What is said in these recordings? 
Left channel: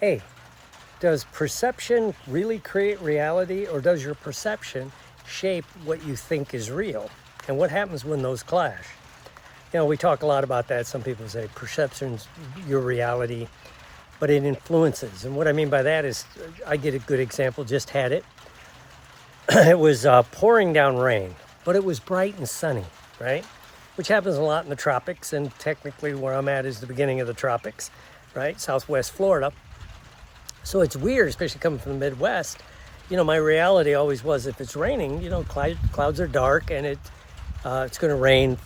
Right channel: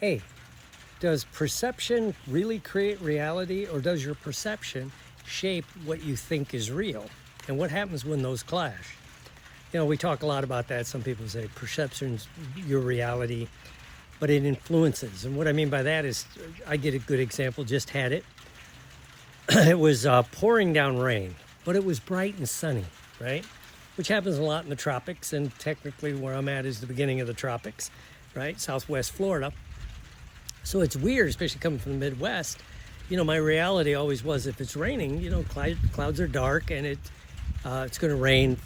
Hey, does perception really create reality, or does your perception shape what you think is real? And what happens when those clash? You know, we talk a lot about that. Some people say perception's your reality, but it influences. And what I mean by that is, I get a good example, just had it. It was pouring down rain, but it was bright and sunny, right? Which happens a lot in the tropics, and technically where I'm at is the beginning of the tropics, right? Southwest Florida. So it's weird, especially coming from the Midwest. You know, my reality always was, if it's raining, you know, clouds are dark, and it's going to rain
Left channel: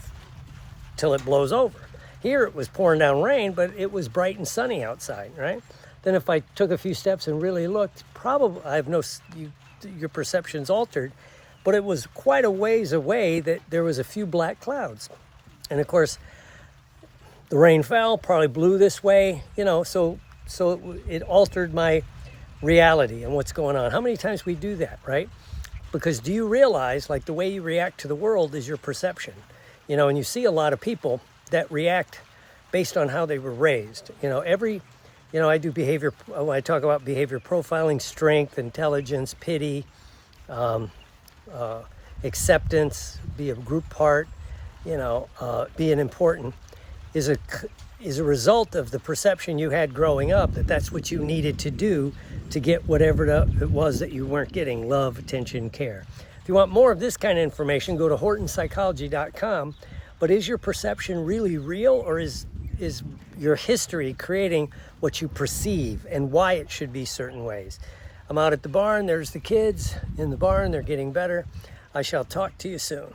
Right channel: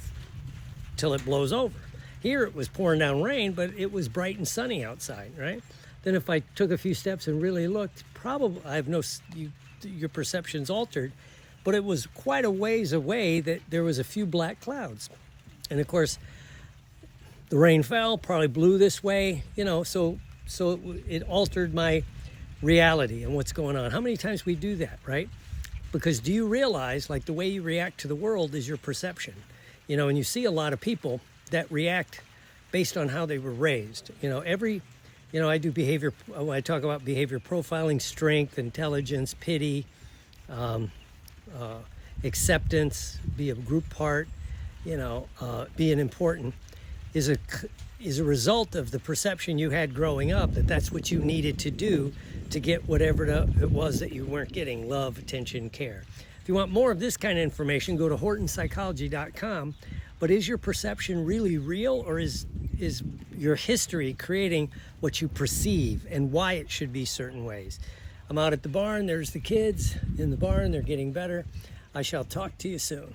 till it blows over. Here it was pouring down rain, but it was bright and sunny outside, right? Then if I took a few steps and really looked, probably your perception's altered, but it was quite a ways away that there was a few black clouds. And of course, the rain fell, probably blew this way, you know, so it altered my reality and what's going on. How many times we do that, right? Because do you realize, like, the way you react to the world is your perception, you know, and you see a lot of people that react based on how they were raised. You know, I do behavior, when I talk about behavior profiling, strength, intelligence, pity, acceptance, be a group part, you know, being important, is a result of the perception you had growing up, that's what you needed to do to get whatever it was that you weren't getting: love, attention, care. If you want more of this kind of information, go to HortonPsychology.com. But is your perception really real, or is your history creating what you perceive and why it should be certain ways? I'm out at the barn. There's the kids in the barn. They're getting better. I shall talk to you soon.